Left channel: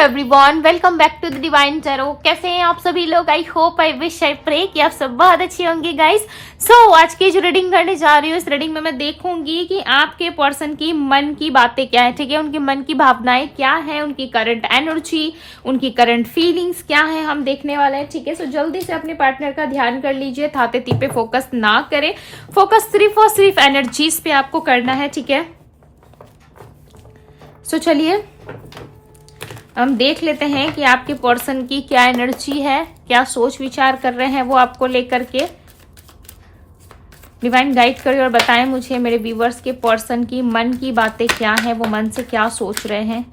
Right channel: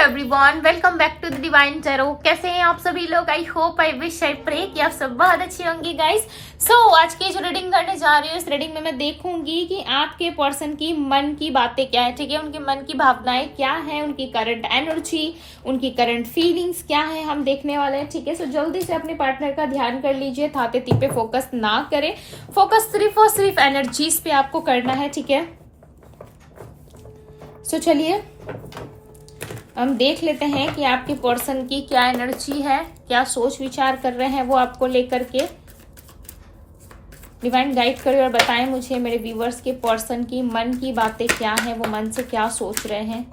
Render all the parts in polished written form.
Everyone, welcome back to the divine tarot. कैसे हैं आप सभी लोग? I hope, I wish, I pray कि आप सब बहुत अच्छे होंगे गाइस। सो आज की जो रीडिंग करने जा रही हूँ, इस रीडिंग में मैं देखूंगी कि आपके पर्सन की मन की बातें क्या है, ठीक है। उनकी मन की भावनाएं क्या है, उनकी करंट एनर्जी, उनकी करंट फीलिंग्स क्या है, हम देखने वाले हैं, ठीक है। सो जल्दी से अपने पार्टनर का ध्यान कर लीजिए, थाते ती पे फोकस ना करें, फोकस सिर्फ और सिर्फ एनर्जीज पे आपको करना है, ठीक है। सो चलिए हम देख लेते हैं कि आपके पर्सन की क्या एनर्जी है, क्या सोच विचार कर रहे हैं वो आपको लेकर के। डिवाइन गाइड करिए और बताएं मुझे मेरे व्यूवर्स के पर्सन की मन की बातें क्या है, वो मन से क्या सोच रहे हैं,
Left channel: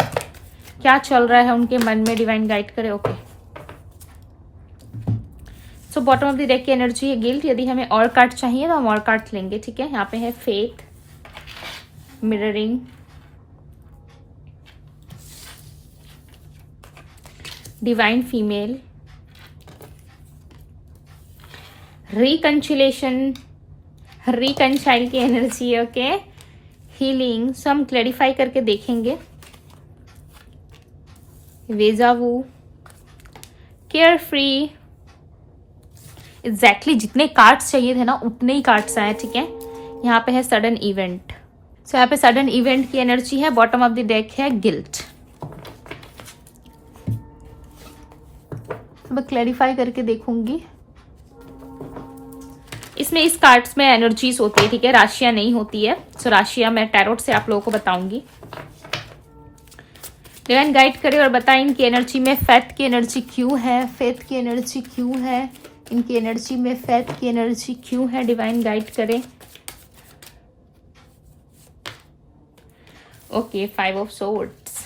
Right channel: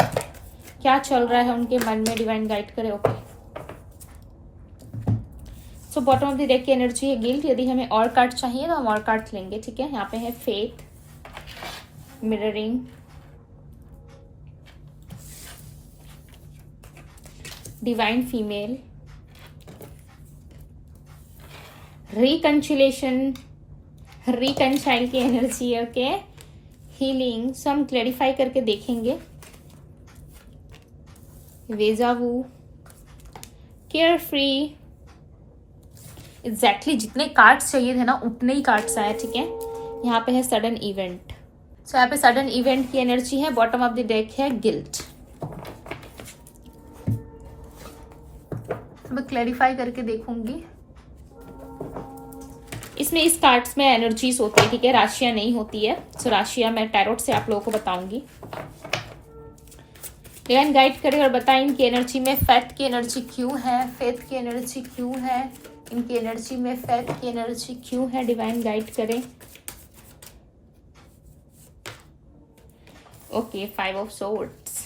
क्या चल रहा है उनके मन में। डिवाइन गाइड करे। Okay, so bottom of the deck की एनर्जी है गिल्ट। यदि हमें और कार्ड चाहिए तो हम और कार्ड लेंगे, ठीक है। यहाँ पे है faith, mirroring, divine female, reconciliation, reconcile की एनर्जी, ओके, हीलिंग। सो हम क्लैरिफाई करके देखेंगे। वेजावू, केयर फ्री। एग्जैक्टली जितने कार्ड्स चाहिए थे ना उतने ही कार्ड्स आए, ठीक है। यहाँ पे है सडन इवेंट। सो यहाँ पे सडन इवेंट की एनर्जी है। बॉटम ऑफ द डेक है गिल्ट। मैं क्लैरिफाई करके देखूंगी। इसमें इस कार्ड्स में एनर्जीज होती है, ठीक है, राशियां नहीं होती है। सो राशियां मैं टैरोट से आप लोगों को बताऊंगी। डिवाइन गाइड करे और बताएं इनकी एनर्जी में फेथ की एनर्जी क्यों है, फेथ की एनर्जी क्यों है, इनकी एनर्जी में फेथ की एनर्जी क्यों है। डिवाइन गाइड करे। Okay, 5 of swords.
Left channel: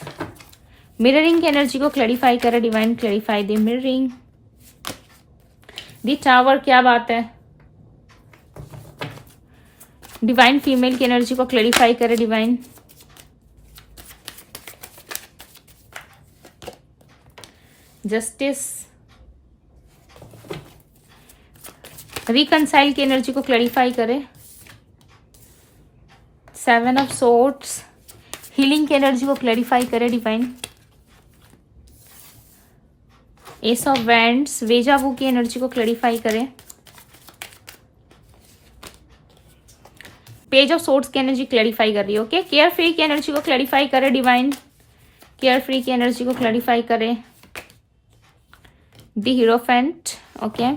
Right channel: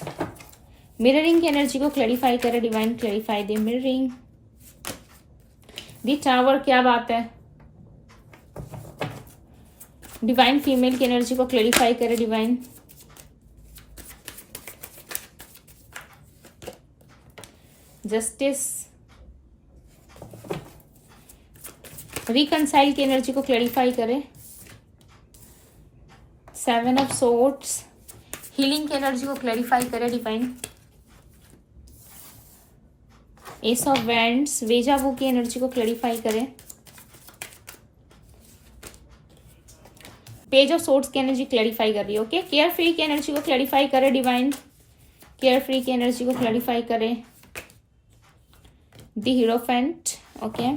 मिररिंग की एनर्जी को क्लैरिफाई करे। डिवाइन क्लैरिफाई दे मिररिंग। दी टावर, क्या बात है। डिवाइन फीमेल की एनर्जी को क्लैरिफाई करे। Divine justice. रिकंसाइल की एनर्जी को क्लैरिफाई करे। 7 ऑफ सोर्ड्स। हीलिंग की एनर्जी को क्लैरिफाई करे। Divine ace of wands. Deja vu की एनर्जी को क्लैरिफाई करें। पेज ऑफ सोर्ड्स की एनर्जी क्लैरिफाई कर रही है। ओके, केयर फ्री की एनर्जी को क्लैरिफाई करें। डिवाइन केयर फ्री की एनर्जी को क्लैरिफाई करें। The hierophant. Okay,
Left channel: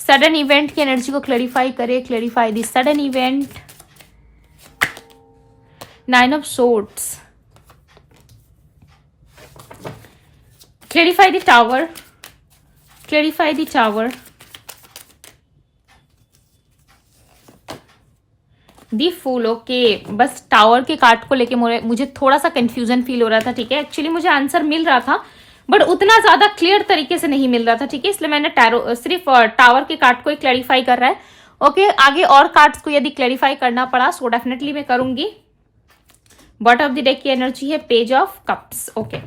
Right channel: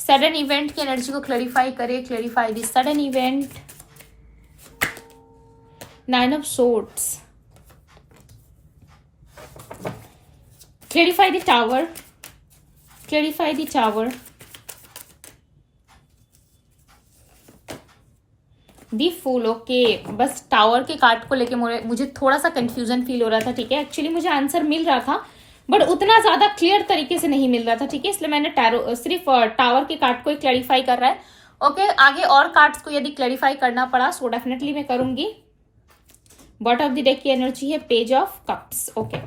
sudden event की एनर्जी को क्लैरिफाई करें। Clarify the sudden event. 9 of swords. Clarify the tower. Clarify the tower. The fool. Okay, बस टावर के कार्ड को लेके मुझे थोड़ा सा कंफ्यूजन फील हो रहा था, ठीक है। एक्चुअली मुझे आंसर मिल रहा था बट उतना ज्यादा क्लियर तरीके से नहीं मिल रहा था, ठीक है। इसलिए मैंने सिर्फ टावर के कार्ड को ही क्लैरिफाई कर रहा है। ओके, आगे और कार्ड्स को यदि क्लैरिफाई करना पड़ा सो डेफिनेटली मैं करूंगी। बॉटम ऑफ द डेक की एनर्जी है पेज ऑफ कप्स। ओके,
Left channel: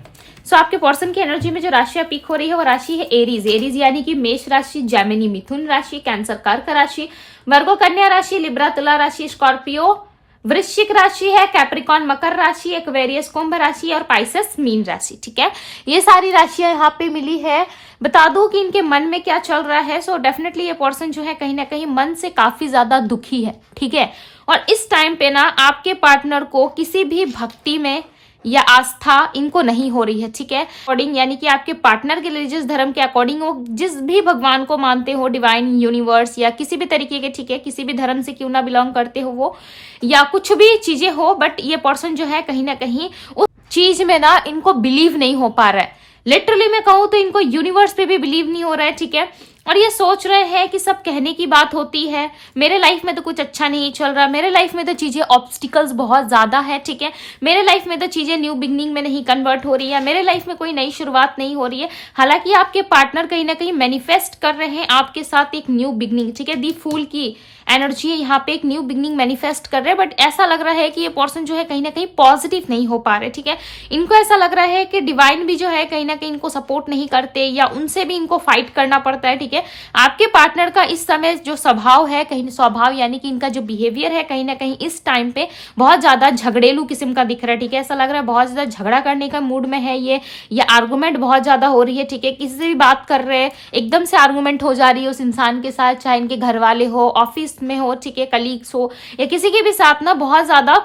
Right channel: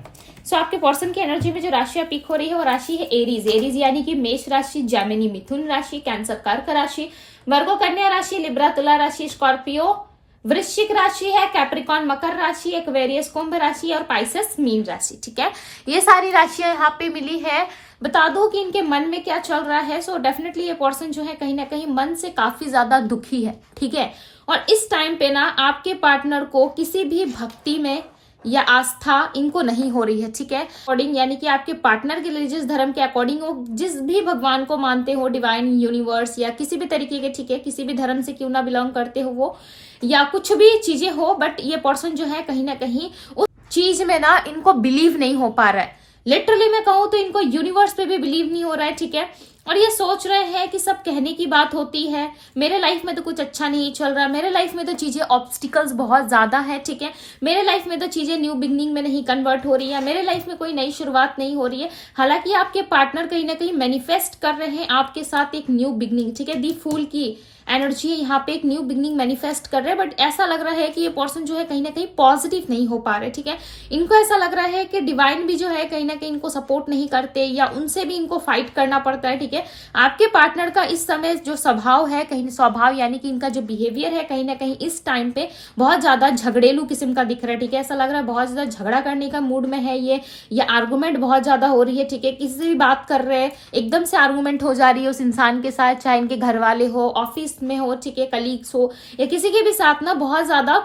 सो आपके पर्सन की एनर्जी में जो राशियां पिक हो रही है वो राशि है एरीज। एरीज यानी कि मेष राशि, जेमिनी मिथुन राशि, कैंसर कर्क राशि, वर्गो कन्या राशि, लिब्रा तुला राशि, स्कॉर्पियो वृश्चिक राशि है, कैप्रिकॉन मकर राशि, एक्वेरियस कुंभ राशि और पाइसेस मीन राशि, ठीक है। ये सारी राशियां यहाँ पे मिली है। बता दूं कि इनके मन में क्या चल रहा है। सो डेफिनेटली ये पर्सन जो है कहीं ना कहीं मन से काफी ज्यादा दुखी है, ठीक है। और इस टाइम पे ना आपके पार्टनर को किसी भी भक्ति में या आस्था इनको नहीं हो रही है, ठीक है। अकॉर्डिंग यानी कि आपके पार्टनर के रिलीजियस धर्म के अकॉर्डिंग वो जिस भी भगवान को मानते हो, डिवाइन यूनिवर्स या किसी भी तरीके के, ठीक है, किसी भी धर्म से क्यों ना बिलोंग करते हो वो, या कुछ भी चीजें हो, बट ये पर्सन जो है कहीं ना कहीं उस चीज में ना इनको बिलीव नहीं हो पा रहा है। लिटरली मैं कहूँ तो इनको यूनिवर्स पे भी बिलीव नहीं हो रहा है, ठीक है। और ये सोच रहे हैं कि सब कहने की बात होती है, मेरे लाइफ में तो कुछ अच्छा नहीं चल रहा, मेरे लाइफ में तो चीजें ऑब्स्टिकल्स बहुत ज्यादा है, ठीक है। मेरे लाइफ में तो चीजें न्यू बिगनिंग में नहीं कन्वर्ट हो रही है, मेरे लाइफ में कोई नई शुरुआत नहीं हो रही है। हालांकि आपके पार्टनर कहीं ना कहीं मैनिफेस्ट कर रहे हैं आपके साथ एक न्यू बिगनिंग, ठीक है। दी फूल की एनर्जी है यहाँ पे, एक न्यू बिगनिंग मैनिफेस्ट कर रहे हैं। बट ऐसा लग रहा है कि ये पर्सन जो है कहीं ना कहीं पॉजिटिव नहीं हो पा रहे, ठीक है। इनको ऐसा लग रहा है कि डिवाइन भी जो है कहीं ना कहीं इनको सपोर्ट नहीं करते या उनसे भी इनको फाइट करना पड़ता है, ठीक है। ठीक है। आपके पार्टनर का इस समय जो स्वभाव है, कहीं स्वभाव यानी कि इनका जो बिहेवियर है कहीं ना कहीं इस टाइम पे बहुत ज्यादा झगड़ेलू किस्म का दिख रहा है, ठीक है। ऐसा लग रहा है बहुत ज्यादा झगड़ा करने का मूड में है ये, या आर्गुमेंट बहुत ज्यादा हो रही है, ठीक है। किसी से भी बात कर रहे हैं एकदम से आर्गुमेंट हो जा रही है उस इंसान के साथ, चाहे इनके घर वाले हो, ऑफिस में हो, ठीक है, कलीग्स हो, या किसी के भी साथ ना बहुत ज्यादा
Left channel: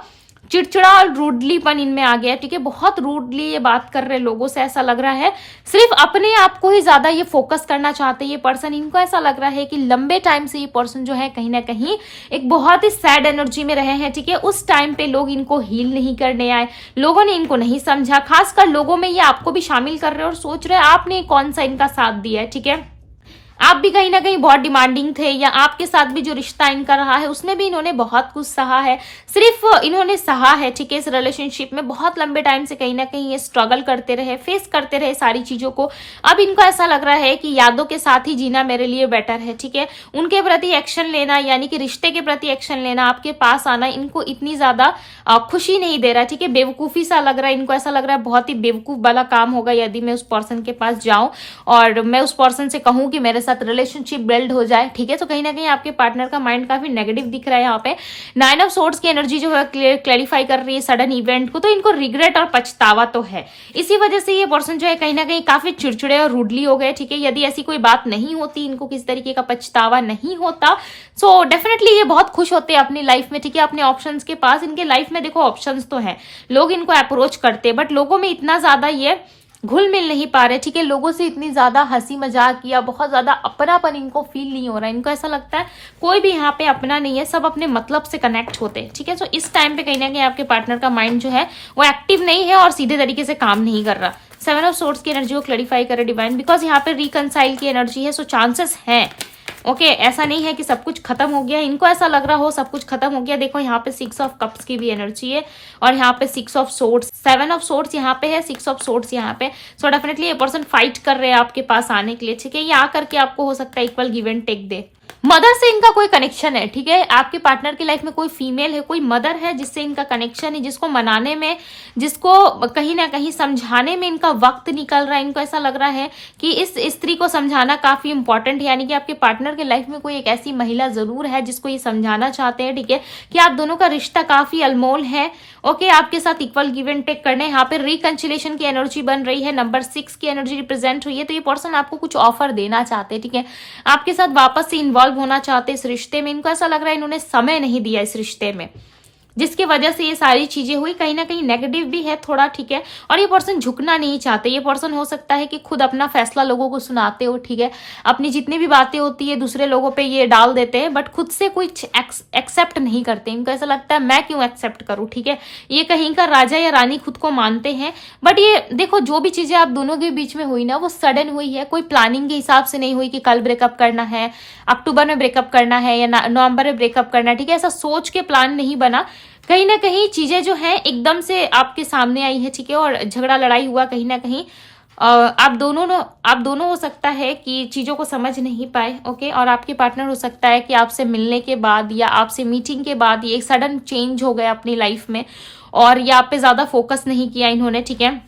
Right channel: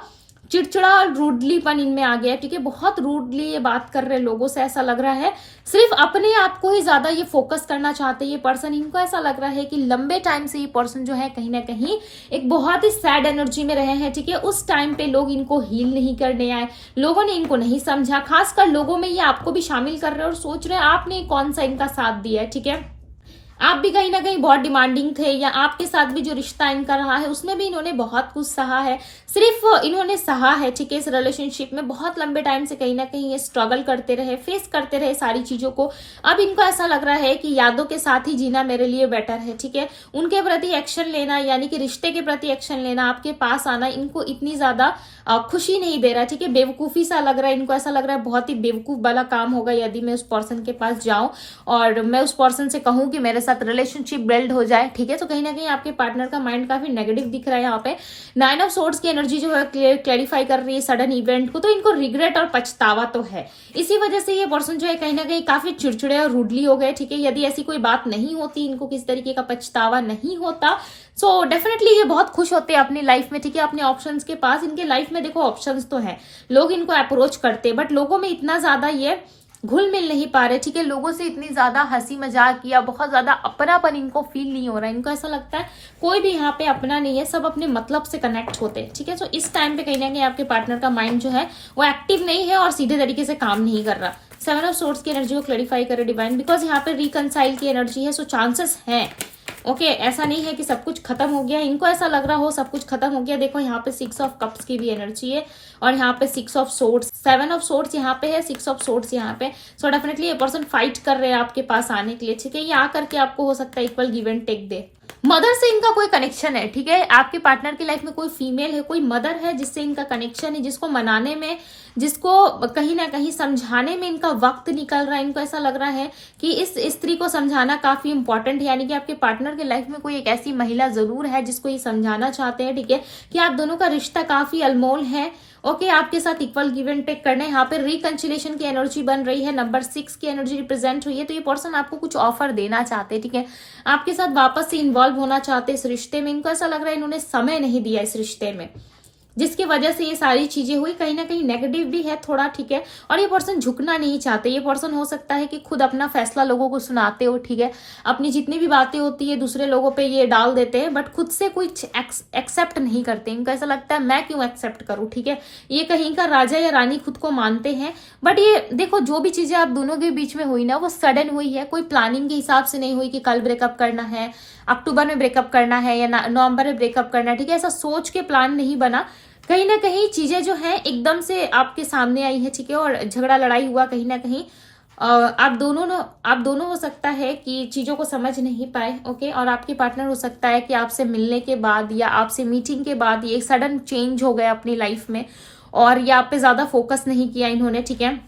चिड़चिड़ा और रूडलीपन इनमें आ गया, ठीक है। बहुत रूडली ये बात कर रहे लोगों से, ऐसा लग रहा है सिर्फ अपने आप को ही ज्यादा ये फोकस करना चाहते हैं ये पर्सन। इनको ऐसा लग रहा है कि लंबे टाइम से ये पर्सन जो है कहीं ना कहीं एक बहुत ही सैड एनर्जी में रहे हैं, ठीक है। उस टाइम पे लोग इनको हील नहीं करने आए, लोगों ने इनको नहीं समझा, खासकर लोगों में ये आपको भी शामिल कर रहे हैं और सोच रहे हैं आपने कौन सा इनका साथ दिया है, ठीक है। आप भी कहीं ना कहीं बहुत डिमांडिंग थे, या आपके साथ भी जो रिश्ता इनका रहा है उसमें भी इन्होंने बहुत कुछ सहा है, सिर्फ इन्होंने सहा है, ठीक है। इस रिलेशनशिप में बहुत लंबे टाइम से कहीं ना कहीं ये स्ट्रगल करते रहे, फेस करते रहे सारी चीजों को। अब इनको ऐसा लग रहा है कि यादों के साथ ही जीना मेरे लिए बेटर है, ठीक है। उनके प्रति एक्शन लेना, यानी कि रिश्ते के प्रति एक्शन लेना, आपके पास आना इनको इतनी ज्यादा खुशी नहीं दे रहा, ठीक है। बेवकूफी सा लग रहा है इनको, ऐसा लग रहा है बहुत ही बेवकूफ वाला काम होगा यदि मैं उस पर्सन के पास जाऊं और मैं उस पर्सन से कहूं कि मेरे साथ रिलेशनशिप बिल्ड हो जाए, ठीक है। तो कहीं ना कहीं आपके पार्टनर का माइंड काफी नेगेटिव दिख रहा है यहाँ पे। 9 ऑफ सोर्ड्स की एनर्जी जो है क्लैरिफाई कर रही है सडन इवेंट को, तो इनको रिग्रेट और पछतावा तो है। इसी वजह से ये पर्सन जो है कहीं ना कहीं काफी चिड़चिड़े और रूडली हो गए, ठीक है। यदि ऐसी कोई बात नहीं होती, इनको किसी तरीके का पछतावा नहीं होता, सो डेफिनेटली ये बहुत खुश होते हैं अपनी लाइफ में, ठीक है। अपने ऑप्शंस के पास, इनके लाइफ में देखो ऑप्शंस तो है, लोग इनको अप्रोच करते हैं, बट लोगों में इतना ज्यादा ये घुल मिल नहीं पा रहे, ठीक है। लोगों से इतनी ज्यादा हंसी मजाक या बहुत ज्यादा अपनापन इनको फील नहीं हो रहा है। इनको ऐसा लगता है कोई भी यहाँ पे अपना नहीं है, सब अपने मतलब से कनेक्ट होते हैं, ठीक है। तो इस टाइम पे कहीं ना कहीं आपके पार्टनर का माइंड जो है वो एक्टिव नहीं है और सीधे तरीके से काम नहीं कर रहा। 7 ऑफ सोर्ड्स की एनर्जी को क्लैरिफाई करे डिवाइन, बिकॉज यहाँ पे रिकनसाइल की एनर्जी है, सो चांसेस है, ओके ऐसा नहीं है कि सब कुछ खत्म हो गया। इनको ऐसा लग रहा हो सब कुछ खत्म हो गया। देखो यहाँ पे 6 ऑफ कप्स की भी एनर्जी है और यहाँ पे 6 ऑफ सोर्ड्स, 7 ऑफ सोर्ड्स यहाँ पे है, 6 ऑफ सोर्ड्स यहाँ पे। सो डेफिनेटली ये पर्सन फाइट कर रहे हैं आपके पास आने के लिए, ठीक है। ये आकर के आपको हो सकता है इक्वल गिव एंड टेक दे। मदर से इनका कोई कनेक्शन है, ठीक है। आपके पार्टनर की लाइफ में कोई फीमेल है, कोई मदर है जिससे इनका कनेक्शन है, जिसको मनाने में, जिसको कहीं ना कहीं समझाने में इनका वक्त निकल रहा है। इनको ऐसा लग रहा है कि इस स्त्री को समझाना काफी इंपॉर्टेंट है, यानी कि आपके पार्टनर की लाइफ में कोई एक ऐसी महिला जरूर है जिसको ये समझाना चाहते हैं, ठीक है, कि आप दोनों का रिश्ता काफी अनमोल है, ओके। आपके साथ इक्वल गिव एंड टेक करने, यहाँ पे रिकंसिलेशन की एनर्जी बन रही है, नंबर 6 की एनर्जी रिप्रेजेंट हुई है। तो ये पर्सन आपको कुछ ऑफर देना चाहते हैं, ठीक है। आपके साथ वापस से इन्वॉल्व होना चाहते हैं इस रिश्ते में। इनको ऐसा लग रहा है इन्होंने समय नहीं दिया इस रिश्ते में, जिसकी वजह से ये सारी चीजें हुई। कहीं ना कहीं नेगेटिव भी है थोड़ा, ठीक है। और ये पर्सन झुकना नहीं चाहते। ये पर्सन हो सकता है कि खुद अपना फैसला लोगों को सुनाते हो, ठीक है। अपनी जितनी भी बातें होती है दूसरे लोगों पे ये डाल देते हैं, बट खुद से कुछ एक्सेप्ट नहीं करते। इनको ऐसा लगता है मैं क्यों एक्सेप्ट करूं, ठीक है। ये कहीं का राजा या रानी खुद को मानते हैं, बट ये देखो जो भी चीजें आप दोनों के बीच में हुई ना वो सडन हुई है, कोई प्लानिंग के हिसाब से नहीं हुई कि कल ब्रेकअप करना है, अक्टूबर में ब्रेकअप करना है या नवंबर में ब्रेकअप करना है, ठीक है। ऐसा सोच के प्लान नहीं बना। कहीं ना कहीं चीजें जो है एकदम से आपके सामने आई है, ठीक है। और झगड़ा लड़ाई हुआ कहीं ना कहीं। आप दोनों हो सकता है कि चीजों को समझ नहीं पाए, ओके। और आपके पार्टनर हो सकता है कि आपसे मिलने के बाद या आपसे मीटिंग के बाद ये एक सडन चेंज हो गया अपनी लाइफ में और ये आप पे ज्यादा फोकस नहीं किया इन्होंने, ठीक है।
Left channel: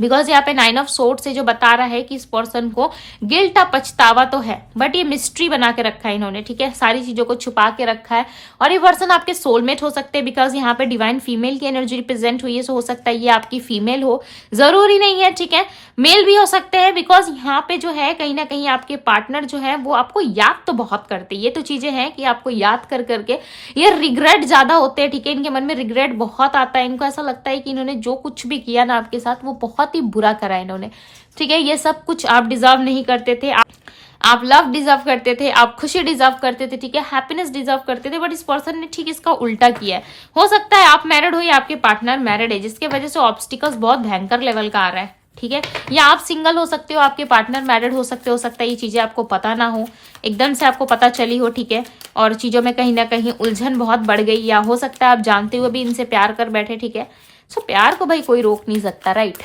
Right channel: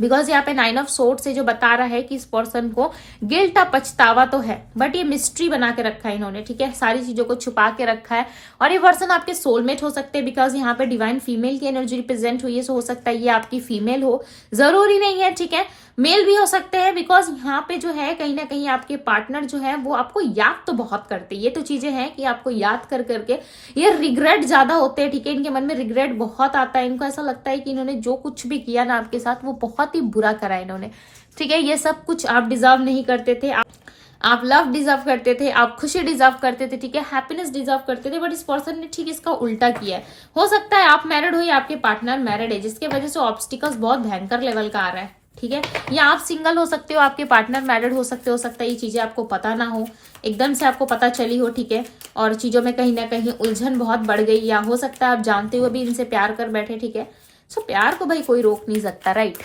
बिकॉज यहाँ पे 9 ऑफ सोर्ड्स से जो बता रहा है कि इस पर्सन को गिल्ट या पछतावा तो है, बट ये मिस्ट्री बना के रखा है इन्होंने, ठीक है। सारी चीजों को छुपा के रखा है। और ये पर्सन आपके सोलमेट हो सकते हैं, बिकॉज यहाँ पे डिवाइन फीमेल की एनर्जी रिप्रेजेंट हुई है। सो हो सकता है ये आपकी फीमेल हो, जरूरी नहीं है, ठीक है। मेल भी हो सकते हैं, बिकॉज यहाँ पे जो है कहीं ना कहीं आपके पार्टनर जो है वो आपको याद तो बहुत करते हैं। ये तो चीजें हैं कि आपको याद कर करके ये रिग्रेट ज्यादा होते हैं, ठीक है। इनके मन में रिग्रेट बहुत आता है। इनको ऐसा लगता है कि इन्होंने जो कुछ भी किया ना आपके साथ वो बहुत ही बुरा करा इन्होंने, ठीक है। ये सब कुछ आप डिजर्व नहीं करते थे। आप लव डिजर्व करते थे, आप खुशी डिजर्व करते थे, ठीक है, हैप्पीनेस डिजर्व करते थे, बट इस पर्सन ने ठीक इसका उल्टा किया है। हो सकता है आप मैरिड हो या आपके पार्टनर मैरिड है, जिसके वजह से ऑब्स्टिकल्स बहुत भयंकर लेवल का आ रहा है, ठीक है। या आप सिंगल हो सकते हो, आपके पार्टनर मैरिड हो सकता है ये चीजें आपको पता ना हो, एकदम से आपको पता चली हो, ठीक है। और चीजों में कहीं ना कहीं उलझन बहुत बढ़ गई, या हो सकता है आप जानते हुए भी इनसे प्यार कर बैठे, ठीक है। सो प्यार को भाई कोई रोक नहीं सकता, राइट।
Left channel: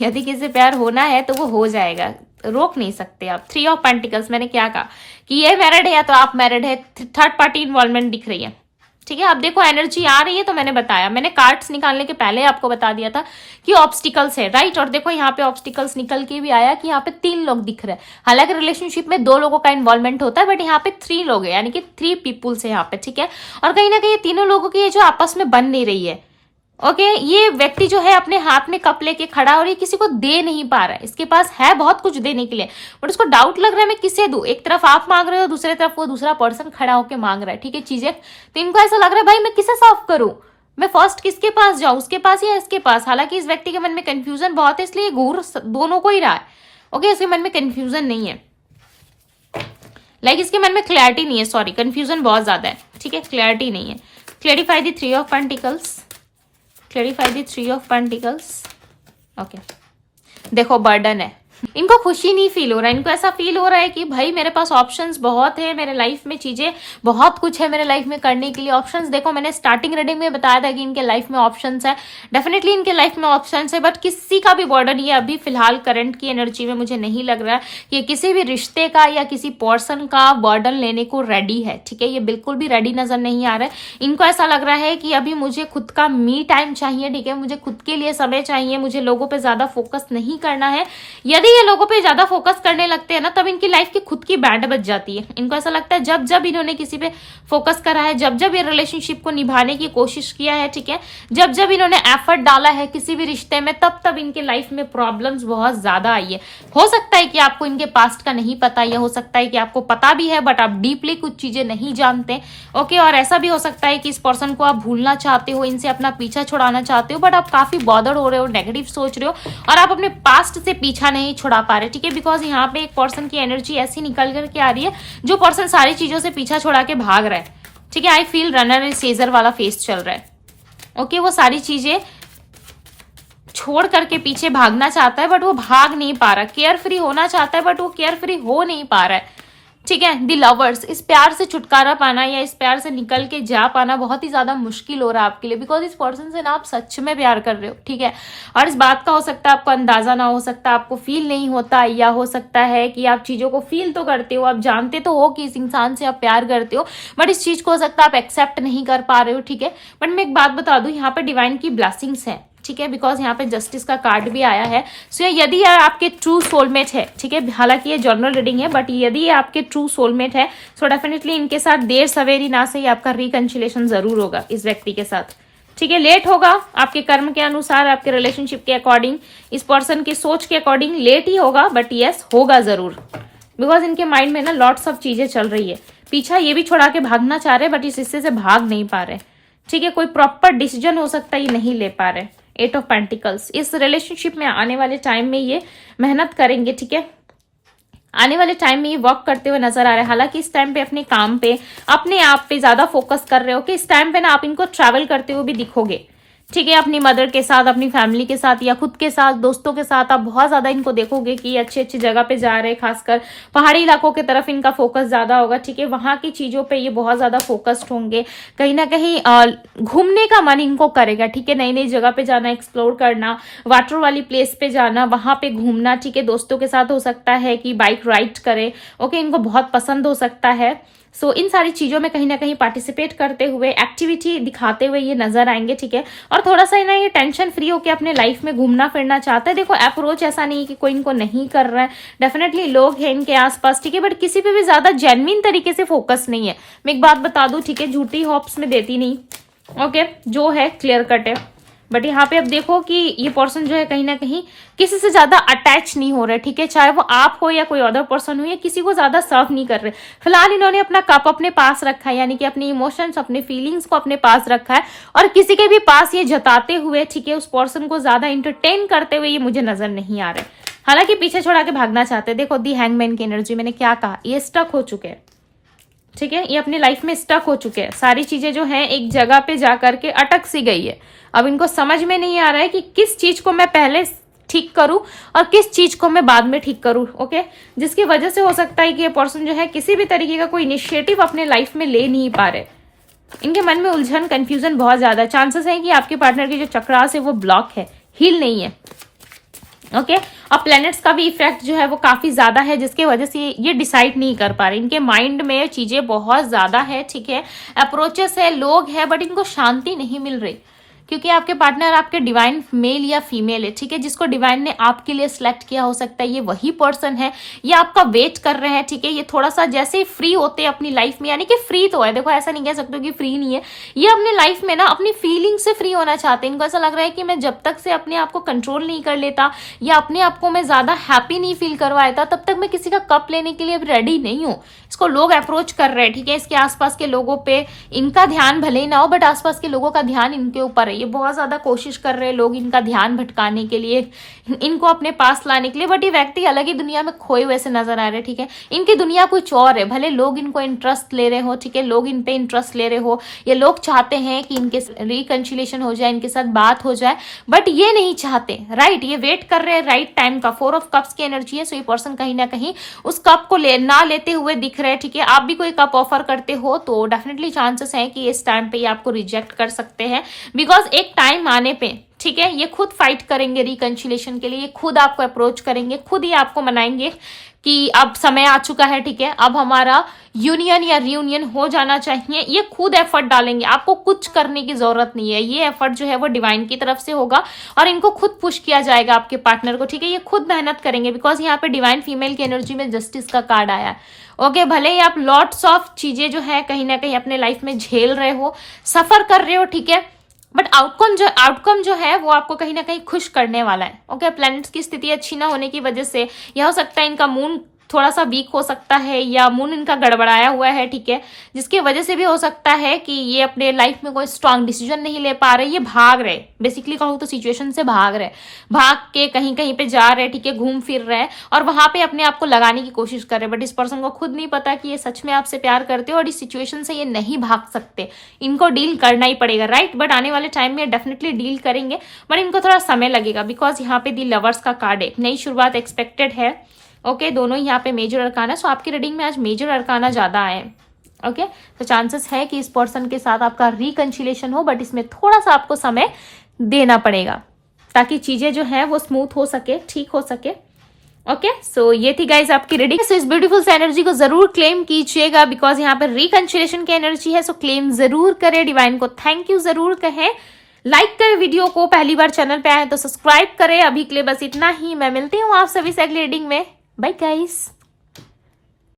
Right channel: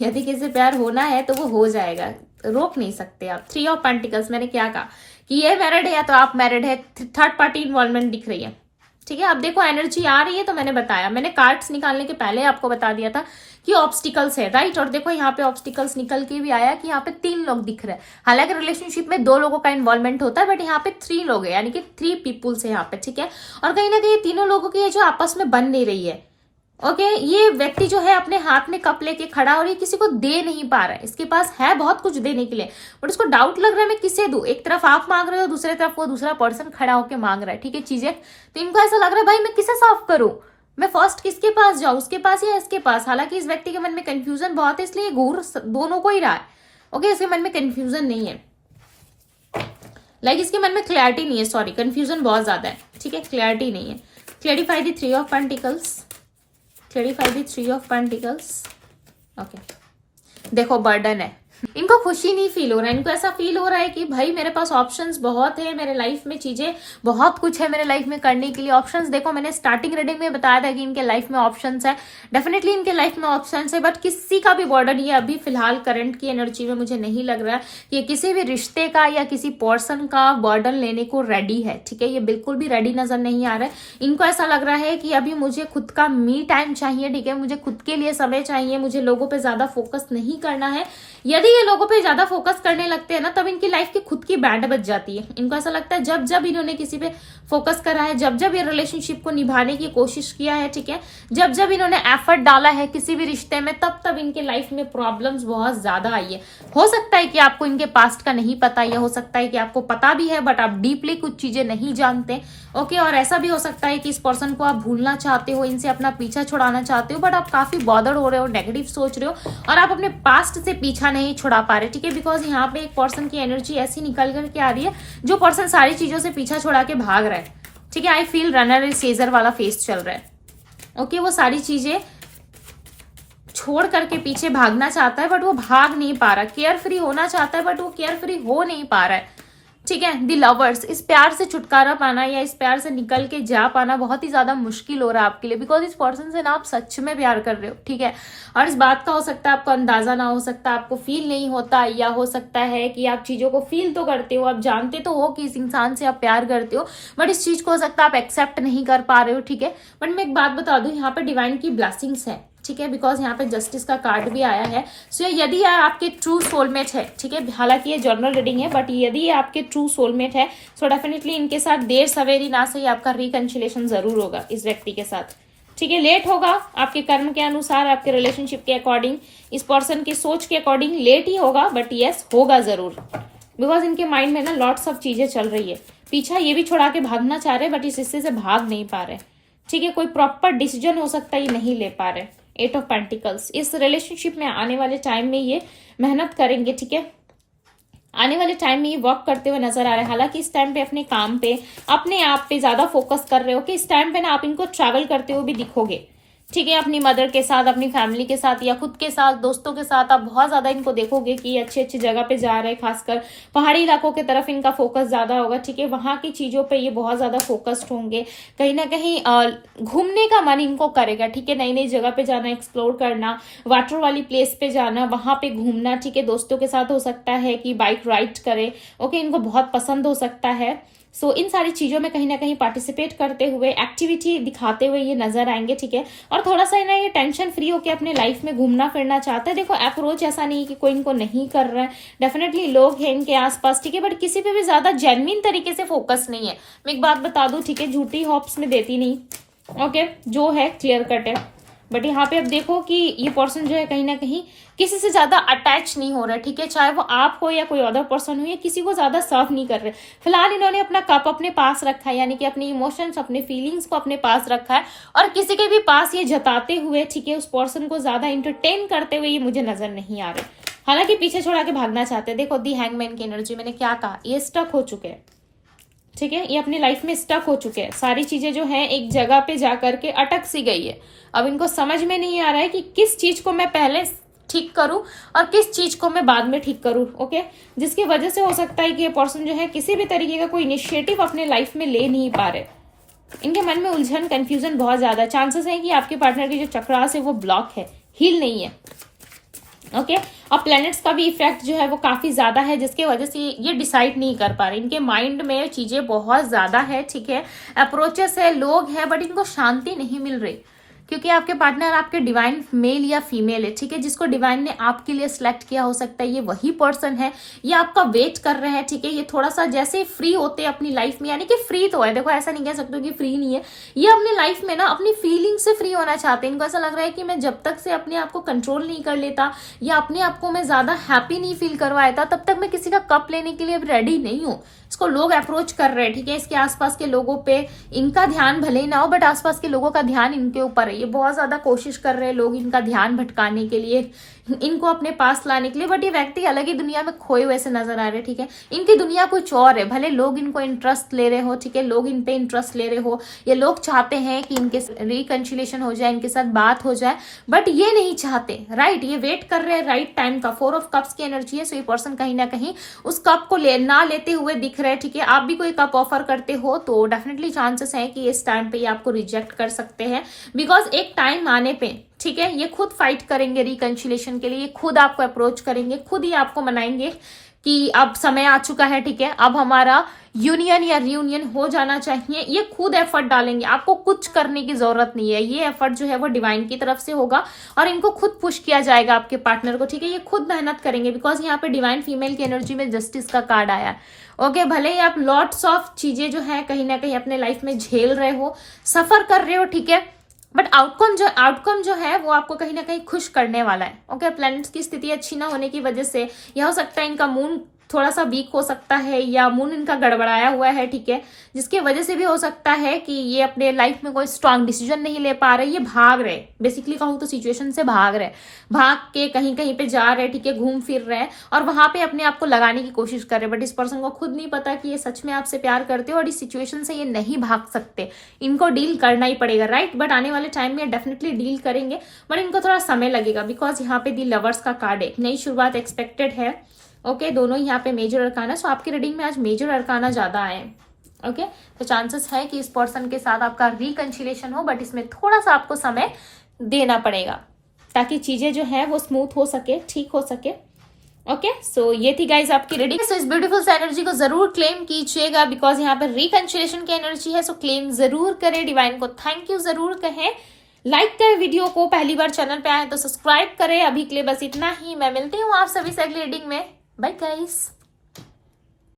यदि किसी से प्यार होना है तो वो हो जाएगा, रोक नहीं सकते आप। 3 ऑफ पेंटिकल्स, मैंने क्या कहा कि ये मैरिड है या तो आप मैरिड है, थर्ड पार्टी इन्वॉल्वमेंट दिख रही है, ठीक है। अब देखो एनर्जी आ रही है तो मैंने बताया, मैंने कार्ड्स निकालने के पहले आपको बता दिया था कि ऑब्स्टिकल्स है, राइट। और देखो यहाँ पे ऑब्स्टिकल्स निकल के भी आया कि यहाँ पे 3 लोग दिख रहे हैं। हालांकि रिलेशनशिप में 2 लोगों का इन्वॉल्वमेंट होता है, बट यहाँ पे 3 लोग है, यानी कि 3 पीपुल्स है यहाँ पे, ठीक है। और कहीं ना कहीं तीनों लोगों की ये जो आपस में बन नहीं रही है, ओके। ये व्यक्ति जो है अपने हाथ में कप लेके खड़ा और ये किसी को दे नहीं पा रहा है। इसके पास है बहुत कुछ देने के लिए, बट उसको डाउट लग रहा है मैं किसे दूं। एक तरफ आप मांग रहे हो, दूसरी तरफ वो दूसरा पर्सन खड़ा होकर मांग रहा है, ठीक है, चीजें। तो इनको ऐसा लग रहा है भाई मैं किसे सॉल्व करूं, मैं फर्स्ट किसके पास जाऊं, उसके पास या इसके पास। हालांकि इस व्यक्ति के मन में कंफ्यूजन बहुत है, इसलिए घूर दोनों को ही रहा है, ओके। इसके मन में कंफ्यूजन नहीं है, लाइक इसके मन में क्लैरिटी नहीं है, सॉरी, कंफ्यूजन बहुत ज्यादा है, ठीक है, क्लैरिटी नहीं है। Clarify the 3 of pentacles, clarify the 3 of pentacles, okay. देखो बर्डन है, इनको खुशी नहीं फील हो रहा है, इनको ऐसा फील हो रहा है कि भाई मेरे पास ऑप्शंस बहुत है, मेरे लाइफ में चीजें बहुत कुछ है मेरे लाइफ में करने के लिए। ऑप्शंस देखो मैंने स्टार्टिंग रीडिंग में बताया था कि इनके लाइफ में ऑप्शंस है, डेफिनेटली इनके लाइफ में ऑप्शंस है, बट किसी का भी बर्डन ये अभी फिलहाल करंट की एनर्जी में मुझे नहीं लग रहा है कि किसी भी रिश्ते का या किसी पर्सन का बर्डन लेने को रेडी है, ठीक है। ये बिल्कुल भी रेडी नजर नहीं आ रहा है। इनको ऐसा लग रहा है कि अभी मुझे खुद का मी टाइम चाहिए, ठीक है, मुझे खुद के लिए समय चाहिए, मुझे लोगों पर ज्यादा फोकस नहीं करना है। यदि ये लोगों पे ज्यादा फोकस करने लगते हैं ना, तब इनकी लाइफ की खुद की बैंड बज जाती है। इनको ऐसा लगता है जब जब इन्होंने किसी पे फोकस करा है, जब जब ये रिलेशनशिप को निभाने की कोशिश किया है, ठीक है, जब जब इन्होंने एफर्ट डाला है किसी भी रिश्ते में, तब तब इनके लाइफ में प्रॉब्लम्स बहुत ज्यादा आई है। हो सकता है कि आपको इनके पास्ट का नहीं पता, या हो सकता है कि आपको पता भी है बट आप डीपली कुछ चीजें नहीं जानते, ओके। और ऐसा भी हो सकता है कि इस पर्सन को आप भूलना चाहते हो, इनसे अपना पीछा छुड़ाना चाहते हो, बट आप काफी बॉदर्ड हो रहे हो, नेगेटिव सोच रहे हो और आप अपने पास्ट से पीछा नहीं छुड़ा पा रहे, ठीक है। बिकॉज यहाँ पे एक पर्सन की एनर्जी ऐसी निकल करके आ रही है जो पर्सन सारी चीजों से पीछा छुड़ा के भाग रहा है, ठीक है। आई फील रनर सीजर वाला फेस चल रहा है, ओके। वो सारी चीजें छोड़ करके पीछे भागना चाहता है बट वो भाग नहीं पा रहा, केयर फ्री होना चाहता है बट वो केयर फ्री हो नहीं पा रहा है, ठीक है। दी लवर्स, इस प्यार से छुटकारा पाना या इस प्यार से निकल के जा पाना बहुत ही ज्यादा मुश्किल हो रहा है आपके लिए, बिकॉज इस पर्सन से ना आप सच में प्यार कर रहे हो, ठीक है। और इस बात का हो सकता है आपको अंदाजा ना हो सकता, आपको फील नहीं होता, या हो सकता है कि आप चीजों को फील तो करते हो, आप जानते तो हो कि इस इंसान से आप प्यार करते हो, बट इस चीज को हो सकता है आप एक्सेप्ट नहीं कर पा रहे हो, ठीक है। बट मैं एक बात बता दूं, यहाँ पे डिवाइन की ब्लेसिंग्स है, ठीक है, बिकॉज यहाँ पे जस्टिस का कार्ड भी आया है। सो यदि ये आपके ट्रू सोलमेट है, ठीक है, हालांकि ये जर्नल रीडिंग है, बट यदि ये आपके ट्रू सोलमेट है, सो डेफिनेटली इनके साथ देर सवेरी ना सही आपका रिकंसिलिएशन जरूर होगा इस व्यक्ति के साथ, ठीक है। लेट होगा आपके कर्म के अनुसार, आपके रिलेशनशिप के अकॉर्डिंग, इस पर्सन की सोच के अकॉर्डिंग लेट ही होगा, बट यस होगा जरूर, बिकॉज इनके माइंड में ना लॉट्स ऑफ चीजें चल रही है। पीछा ये भी छोड़ा के भागना चाह रहे, बट इस हिस्से से भाग नहीं पा रहे, ठीक है। कोई प्रॉपर डिसीजन हो सकता है ये नहीं ले पा रहे। 8 ऑफ पेंटिकल्स, इस रिलेशनशिप में आने वाले टाइम में ये मेहनत करेंगे, ठीक है, आने वाले टाइम में ये वर्क करते हुए नजर आ रहे हैं। हालांकि इस टाइम पे अपने काम पे, अपने आप पे ज्यादा फोकस कर रहे हो कि इस टाइम पे ना आप इनको ट्रैवल करते हुए भी दिखोगे, ठीक है, अपनी मदर के साथ, अपनी फैमिली के साथ या खुद के साथ, दोस्तों के साथ आप बहुत ज्यादा इनको देखोगे कि अच्छी अच्छी जगह पे जा रहे हैं, खासकर पहाड़ी इलाकों की तरफ इनका फोकस ज्यादा होगा, ठीक है। वहां की चीजों पे ये बहुत ज्यादा फोकस्ड होंगे, कहीं ना कहीं घूमने का मन इनको करेगा, ठीक है, नई नई जगह पे जाना, एक्सप्लोर करना, वाटर वाली प्लेस पे जाना, वहां पे घूमना, ठीक है। दोस्तों के साथ हो सकता है कि बाइक राइड करे, ओके, इनको बहुत पसंद हो सकता है। सो इन सारी चीजों में कहीं ना कहीं पार्टिसिपेट करते हुए, एक्टिविटी दिखाते हुए ये नजर आएंगे, ठीक है। और थोड़ा सा ना ये टेंशन फ्री होकर अपने लाइफ में घूमना फिरना चाहता है। देखो अप्रोच ऐसा नहीं है कि कोई इनको नहीं कर रहा है, डेफिनेटली लोग हैं इनके आसपास, ठीक है, बट किसी पे भी ज्यादा जेन्युइन तरीके से फोकस नहीं है। मैं एक बात बता दूं, ठीक है, झूठी होप्स में देती नहीं, ओके, जो है क्लियर कट है। बट यहाँ पे अब देखो कि ये पर्सन जो है कहीं ना कहीं किसी से ज्यादा अटैच नहीं हो रहे, ठीक है, चाहे वो आप हो या कोई अदर पर्सन हो, या किसी को ज्यादा सर्व नहीं कर रहे। फिलहाल इन्होंने अपना कप अपने पास रखा है, यानी कि अपनी इमोशंस, अपने फीलिंग्स को अपने पास रखा है, और किसी के भी पास ये जताते हुए, ठीक है, उस पर्सन को ज्यादा इंटरटेन करते हुए ये मुझे नजर नहीं आ रहे। हालांकि पीछे छोड़ा के भागना चाहते हैं। देखो दी हैंगमैन की एनर्जी, मैंने क्या कहा, ये स्टक हो चुके हैं, ठीक है, ये अपनी लाइफ में स्टक हो चुके हैं। सारी चीजें जो है एक जगह पे जाकर के अटक सी गई है। अब इनको समझ में नहीं आ रहा है कि किस चीज को मैं पहले ठीक करूं और किस चीज को मैं बाद में ठीक करूं, ओके, जिसकी वजह से हो सकता है कि ये पर्सन जो है किसी भी तरीके का कोई इनिशिएटिव अपने लाइफ में ले नहीं पा रहे। इनके मन में उलझन, कंफ्यूजन बहुत ज्यादा, चांसेस है कि आपके पार्टनर की जो चक्रास है वो ब्लॉक है, हील नहीं है, ओके अब प्लैनेट्स का भी इफेक्ट जो है वो काफी ज्यादा है, जिसकी वजह से ये डिसाइड नहीं कर पा रहे, इनके माइंड में चीजें बहुत ज्यादा है, ठीक है, अप्रोचेस है, लोग है, बट इनको शांति नहीं मिल रही, क्योंकि आपके पार्टनर आपके डिवाइन मेल या फीमेल है, ठीक है, जिसको डिवाइन ने आपके लिए सिलेक्ट किया हो सकता है ये वही पर्सन है, ये आपका वेट कर रहे हैं, ठीक है, ये थोड़ा सा जैसे ही फ्री होते हैं अपनी लाइफ में, यानी कि फ्री तो है, देखो ऐसा नहीं कह सकते कि फ्री नहीं है, ये अपनी लाइफ में ना अपनी फीलिंग से फ्री होना चाहते हैं, इनको ऐसा लग रहा है कि मैं जब तक से अपने आप को कंट्रोल नहीं कर लेता या अपने आप को मैं ज्यादा हैप्पी नहीं फील करवाता तब तक मैं किसी का कप लेने के लिए रेडी नहीं हूँ। इसको लोग अप्रोच कर रहे हैं, ठीक है, इसके आसपास के लोगों पे इनका ध्यान भले ही ना हो, बट आसपास के लोगों का ध्यान इनके ऊपर है, ये बहुत ज्यादा कोशिश कर रहे हैं लोग इनका ध्यान भटकाने के लिए, इनको अपने पास लाने के लिए, बट ये व्यक्ति अलग ही दुनिया में खोए हुए से नजर आ रहे हैं, ठीक है, इनकी दुनिया कुछ और है, भले लोग इनको इंटरेस्ट ले रहे हो, ठीक है, लोग इन पे इंटरेस्ट ले रहे हो, ये लोग चाहते हैं कि इनके रिकंसिलिएशन हो जाए, इनके साथ बात हो जाए, बट ये नहीं चाहते, राइट, ये वेट कर रहे हैं राइट टाइम का। 4 ऑफ कप्स की एनर्जी है, सो ये पर्सन कहीं ना कहीं उस कप को ना लेते हुए दिख रहे हैं, ठीक है, आप भी कोई कप ऑफर करते हो तो डेफिनेटली चांसेस है कि इस टाइम पे ये आपको रिजेक्ट कर सकते हैं, बिकॉज एक टाइम आने पे, ठीक है, ये खुद फाइट करेंगे रिकंसिलिएशन के लिए, ये खुद आपको अप्रोच करेंगे, खुद ही आपको मनाएंगे कि अब समय आ चुका है, ठीक है, अब हमारा यूनियन या रियूनियन हो जाना चाहिए, ये खुद एफर्ट डालेंगे, आपको कुछ करने की जरूरत नहीं है, ये एफर्ट जो है वो डिवाइन की तरफ से होगा और इनको खुद पुश किया जाएगा आपके पार्टनर को, ठीक है, ये खुद मेहनत करेंगे, बिकॉज यहाँ पे डिवाइन फीमेल की एनर्जी में जस्टिस का कार्ड आया है। ओके भले ही आप लॉट्स ऑफ चीजें जो है कहीं ना कहीं अपने लाइफ में झेल रहे हो, सफर कर रहे हो, ठीक है, बट आउटकम जो है वो आपको कहीं ना कहीं खुश करने वाला है। ओके प्लैनेट्स की स्थिति अच्छी ना होने की वजह से यह हो सकता है इनका मून थोड़ा सा वीक हो सकता है या मून इनका गड़बड़ाया हुआ है, ठीक है, जिसकी वजह से भी हो सकता है कि ये अपने लाइफ में कोई स्ट्रांग डिसीजन नहीं ले पा रहे, ये भाग रहे, बेसिकली कहूँ तो सिचुएशन से भाग रहे, भाग के कहीं कहीं पे जा रहे, ठीक है, घूम फिर रहे हैं और वहां पे अपने आप को लगाने की कोशिश कर रहे हैं, बट इस पर्सन को खुद नहीं पता कि ये सच में आपसे प्यार करते हो और इस सिचुएशन से ये नहीं भाग सकते, इनको डील करना ही पड़ेगा, राइट, बट आने वाले टाइम में डेफिनेटली डील करेंगे, बट इनको थोड़ा समय लगेगा, बिकॉज यहाँ पे दी लवर्स का कार्ड है, नई शुरुआत एक्सपेक्टेड है। ओके दोनों यहाँ पे मेजर अरकाना, सो आपकी रीडिंग में आज मेजर अरकाना ज्यादा आए। ओके तो चांसेस है कि इस पर्सन के साथ आपका रिकंसिलिएशन हो, बट इसमें थोड़ा सा आपको समय देना पड़ेगा ताकि चीजें जो है वो स्मूथ हो सके, ठीक हो सके। ओके सो ये थी गाइज आपकी रीडिंग। सो इस ब्यूटीफुल से एनर्जी को जरूर क्लेम कीजिएगा बिकॉज यहाँ पे रिकंसिलिएशन की एनर्जी है, सो क्लेम जरूर करें, डिवाइन को थैंक यू जरूर कहें, लाइक करें वीडियो को, पहली बार चैनल पे आए तो सब्सक्राइब करें। अभी के लिए बस इतना ही, मैं मिलती हूँ आप सभी से अगली रीडिंग में, बाय गाइस।